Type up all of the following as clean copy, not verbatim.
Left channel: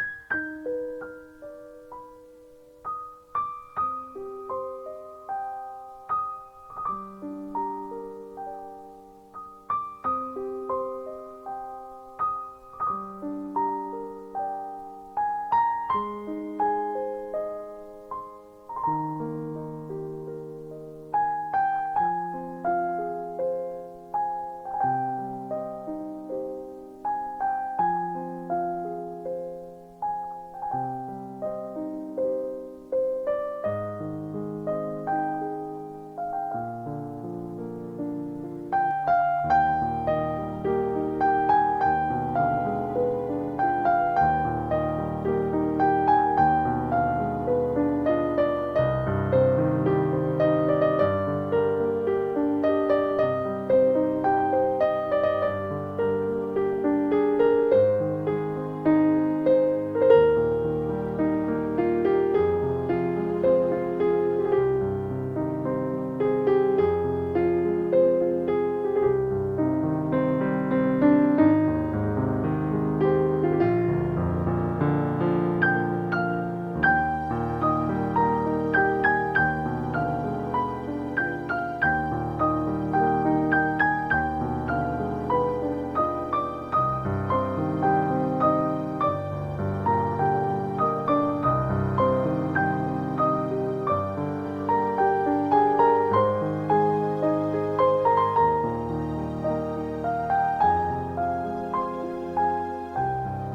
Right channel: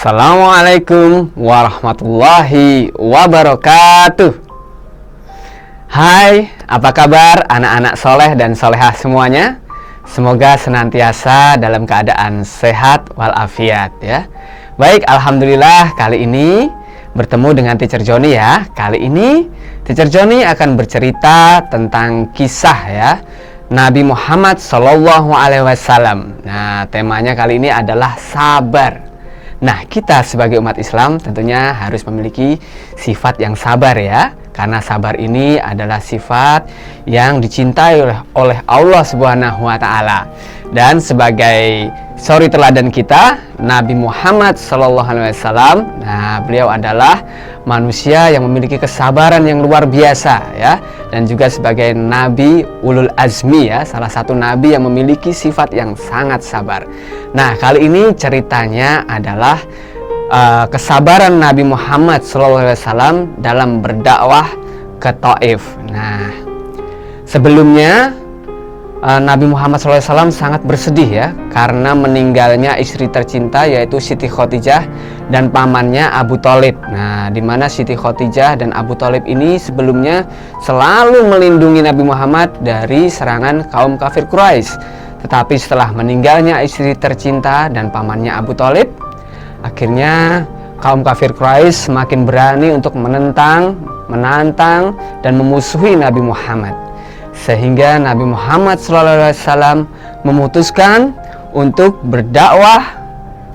Assalamualaikum warahmatullahi wabarakatuh. Hai, apa kabar anak-anak soleh dan solehah semuanya? Semoga senantiasa dalam keadaan sehat walafiat ya. Baik, alhamdulillah kali ini bertemu dengan Teacher Joni ya. Kali ini Teacher Joni akan bercerita tentang kisah ya Nabi Muhammad SAW. Nah, temanya kali ini adalah sabar. Nah, kita sebagai umat Islam tentunya harus memiliki sifat yang sabar ya. Karena sabar ini adalah sifat yang dicintai oleh Allah Subhanahu wa taala. Dan sebagai suri teladan kita, Nabi Muhammad SAW, nah beliau adalah manusia yang memiliki kesabaran yang luar biasa ya, dan juga sebagai nabi ulul azmi ya, salah satu nabi yang memiliki sifat yang sangat sabar. Nah, kali ini ceritanya adalah kesabaran Nabi Muhammad SAW dalam berdakwah ke Taif. Nah, sebelumnya Nabi Muhammad SAW sangat bersedih ya karena meninggalnya istri tercinta yaitu Siti Khadijah dan pamannya Abu Thalib. Nah, di mana Siti Khadijah dan Abu Thalib ini sebelumnya selalu melindungi Nabi Muhammad dari serangan kaum kafir Quraisy. Tetapi setelah meninggalnya istri tercinta dan pamannya Abu Thalib, akhirnya kaum kafir Quraisy semakin berani untuk menantang dan memusuhi Nabi Muhammad. Sehingga Nabi Muhammad SAW memutuskan untuk berdakwah,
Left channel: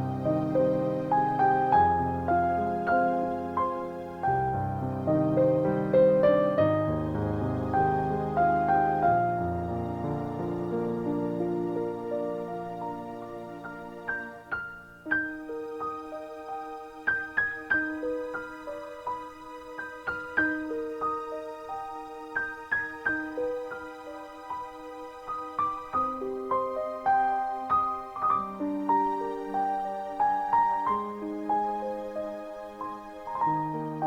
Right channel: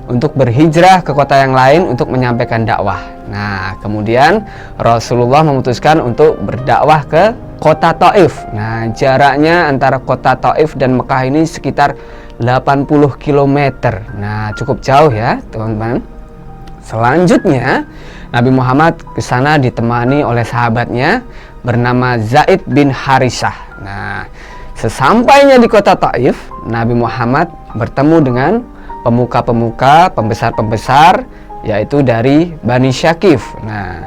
untuk berhijrah ke kota yang lain untuk menyampaikan dakwah. Nah, kemudian Rasulullah memutuskan untuk berdakwah ke kota Taif. Nah, jaraknya antara kota Taif dan Mekah ini sekitar 80 km. Nah, cukup jauh ya, teman-teman. Selanjutnya, Nabi Muhammad ke sana ditemani oleh sahabatnya bernama Zaid bin Harisah. Nah, sesampainya di kota Taif, Nabi Muhammad bertemu dengan pemuka-pemuka, pembesar-pembesar, yaitu dari Bani Syakif. Nah,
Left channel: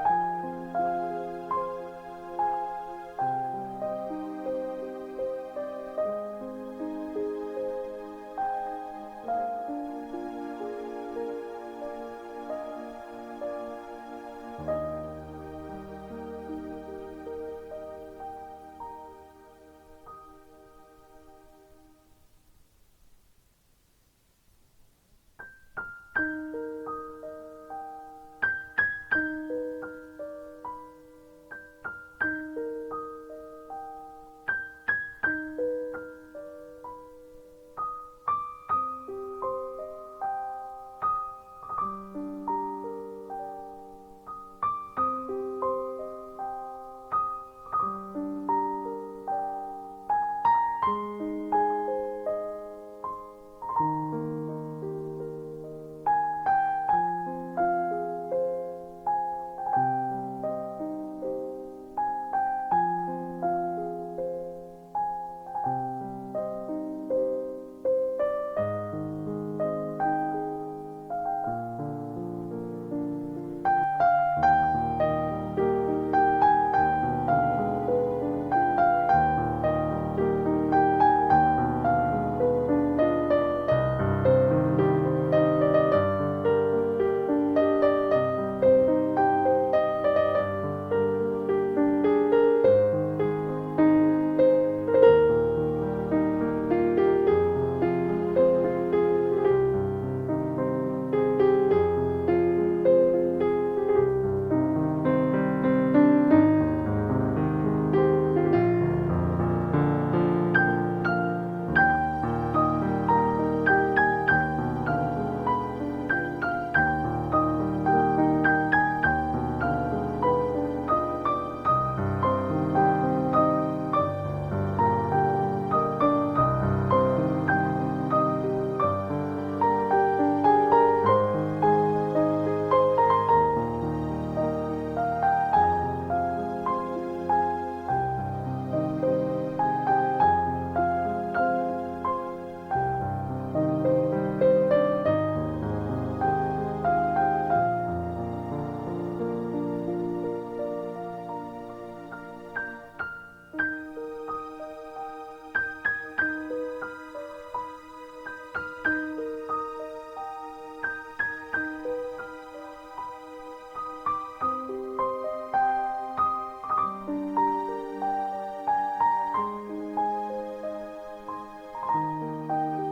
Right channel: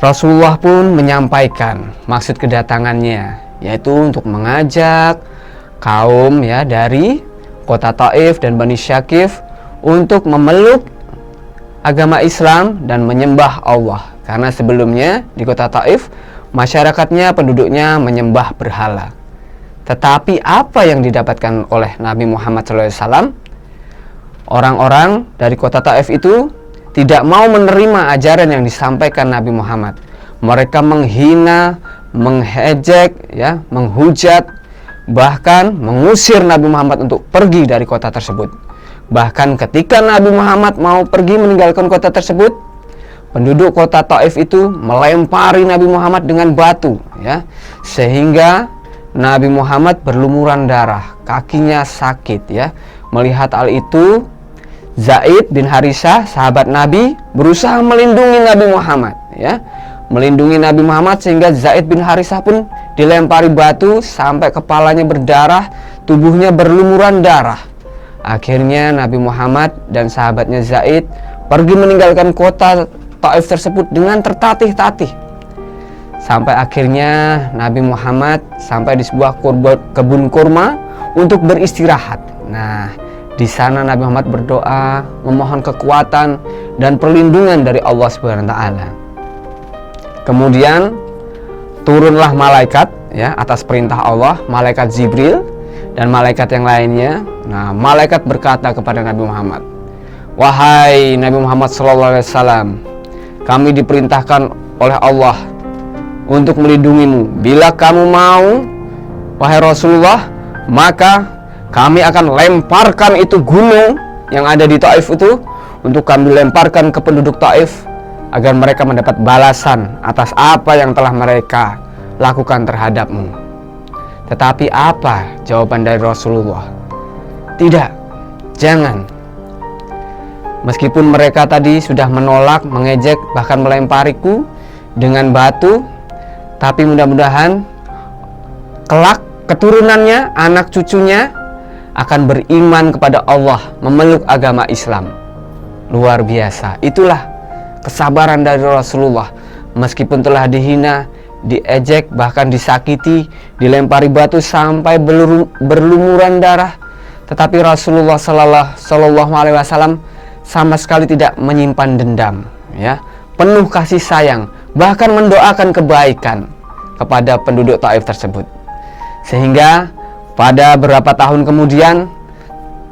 Rasulullah pun menyampaikan maksud kedatangannya, yaitu untuk mengajak kaum ya dari kota Taif dan Bani Syakif untuk memeluk agama Islam dan menyembah Allah. Karena sebelumnya di kota Taif masyarakatnya, penduduknya menyembah berhala. Tetapi apa yang didapatkan oleh Nabi Muhammad SAW? Orang-orang dari kota Taif itu tidak mau menerima ajaran yang disampaikan Nabi Muhammad. Mereka menghina, mengejek, ya, menghujat, bahkan mengusir Nabi Muhammad untuk pergi dari kota tersebut. Bahkan ketika Nabi Muhammad mau pergi meninggalkan kota tersebut, penduduk kota Taif itu melempari Nabi Muhammad dengan batu ya, sehingga Nabi Muhammad berlumuran darah, kakinya sakit ya. Melihat hal itu, Zaid bin Harisah, sahabat Nabi, berusaha melindungi Nabi Muhammad ya. Melindungi Nabi Muhammad sehingga Zaid bin Harisah pun dilempari batu sampai kepalanya berdarah, tubuhnya berlumuran darah. Akhirnya Nabi Muhammad dan sahabatnya Zaid pergi meninggalkan kota Taif tersebut dengan tertatih-tatih. Sampai akhirnya Nabi Muhammad sampai di sebuah kebun kurma untuk beristirahat. Nah, di sana Nabi Muhammad berdoa, memohon kekuatan dan perlindungan dari Allah Subhanahu wa taala. Kemudian turunlah malaikat ya atas perintah Allah, malaikat Jibril dan malaikat yang lainnya. Nah, malaikat berkata kepada Nabi Muhammad, "Wahai Nabi Muhammad SAW, kami diperintahkan oleh Allah untuk melindungimu. Bila kamu mau, wahai Rasulullah, maka kami akan lemparkan itu gunung yang ada di Taif itu, untuk kami lemparkan ke penduduk Taif agar mereka mendapat balasan atas apa yang telah mereka lakukan terhadapmu." Tetapi apa jawaban dari Rasulullah? Tidak, jangan. Meskipun mereka tadi sudah menolak, mengejek, bahkan melempariku dengan batu, tapi mudah-mudahan kelak keturunannya, anak cucunya akan beriman kepada Allah, memeluk agama Islam. Luar biasa. Itulah kesabaran dari Rasulullah. Meskipun telah dihina, diejek, bahkan disakiti, dilempari batu sampai berlumuran darah, tetapi Rasulullah Shallallahu Alaihi Wasallam sama sekali tidak menyimpan dendam, ya, penuh kasih sayang, bahkan mendoakan kebaikan kepada penduduk Taif tersebut. Sehingga pada beberapa tahun kemudian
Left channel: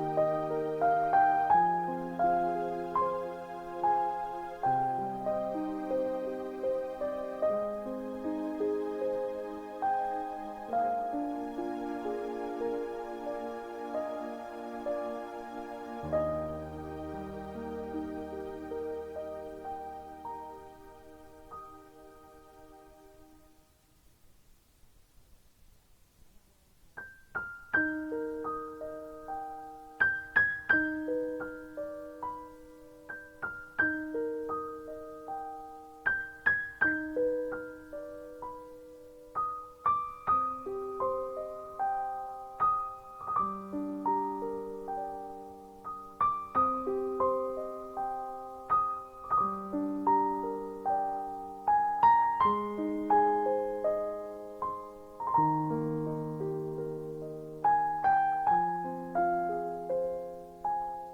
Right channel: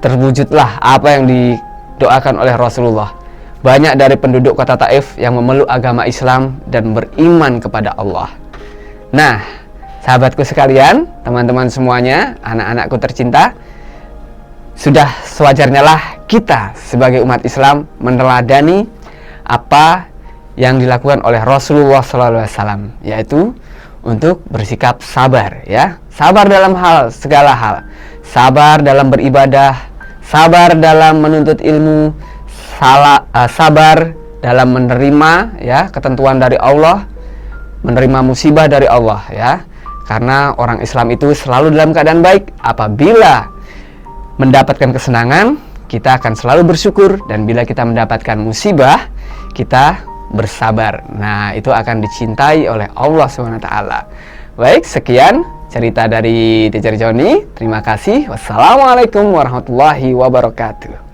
terwujudlah apa yang didoakan oleh Rasulullah. Banyak dari penduduk kota Taif yang memeluk agama Islam dan beriman kepada Allah. Nah, sahabatku sekalian, teman-teman semuanya, anak-anakku tercinta, sudah sewajarnya lah kita sebagai umat Islam meneladani apa yang dilakukan oleh Rasulullah SAW, yaitu untuk bersikap sabar, ya, sabar dalam segala hal, sabar dalam beribadah, sabar dalam menuntut ilmu, sabar dalam menerima, ya, ketentuan dari Allah, menerima musibah dari Allah, ya, karena orang Islam itu selalu dalam keadaan baik. Apabila mendapatkan kesenangan, kita akan selalu bersyukur, dan bila kita mendapatkan musibah, kita bersabar. Nah, itu akan dicintai oleh Allah SWT. Baik, sekian cerita dari Teacher Joni. Terima kasih. Wassalamualaikum warahmatullahi wabarakatuh.